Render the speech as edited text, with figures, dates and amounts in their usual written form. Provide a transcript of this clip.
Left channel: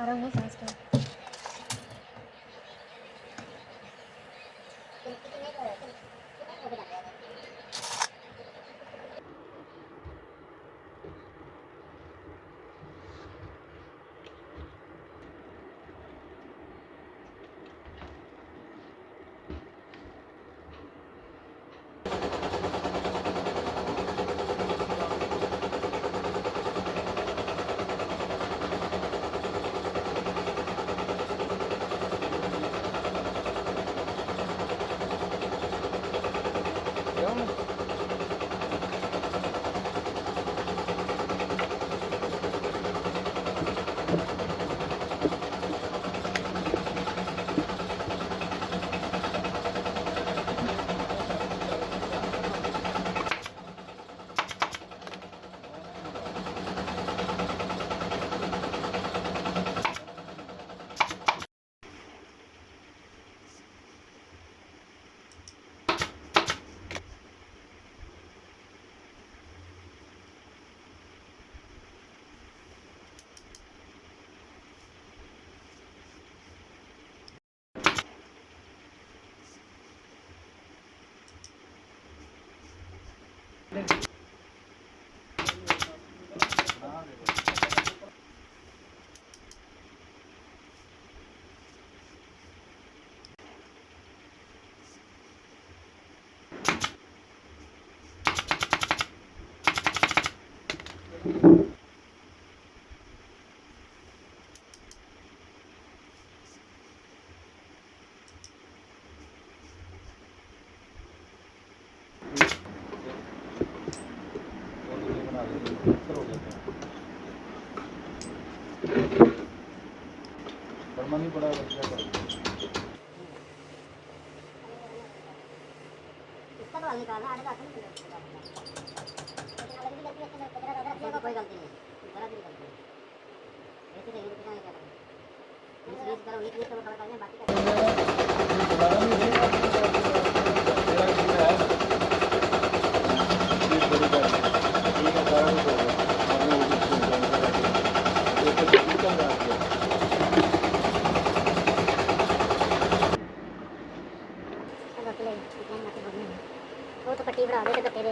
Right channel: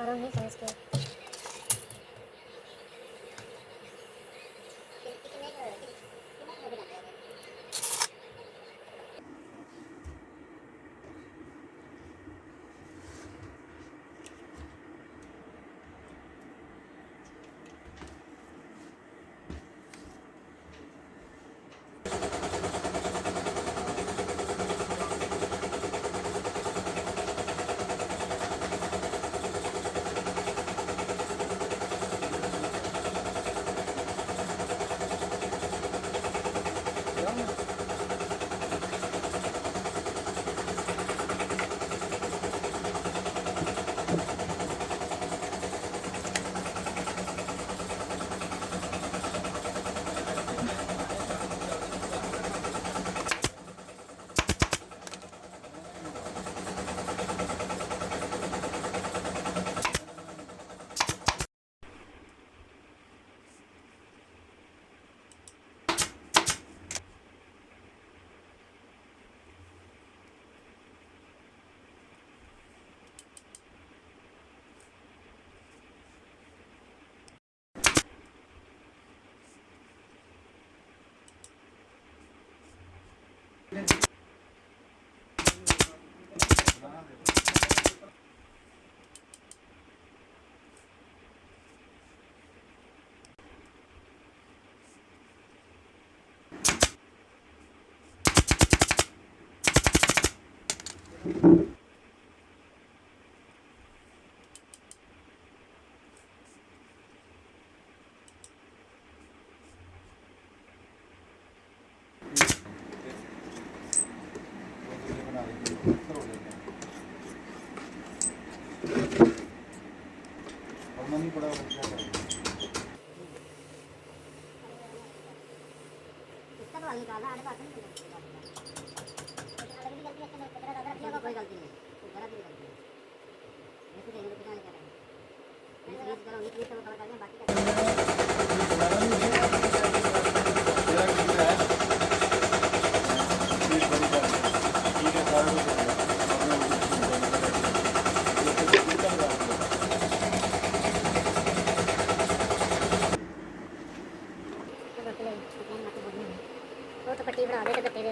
Orang ni saya sikit. नहीं पड़ा इसका तो हल निकालना आने का नहीं निकलेगा अलग भी गलती है इसमें कचरा दादा रखिएगा कोई गलती नहीं जरा भी गलती नहीं ऐसे देंगे तो क्या करेंगे मैं इस करो एक तो कवर कर दें बाकी का दोबारा नहीं देगा तेरा कितना है ठीक बड़ी बात ठीक है सारा कुछ हो गया और मैं उसे सुन रहा हूं ये तो चल रहा है वो तो पट्टी बढ़ा दे तो तेरे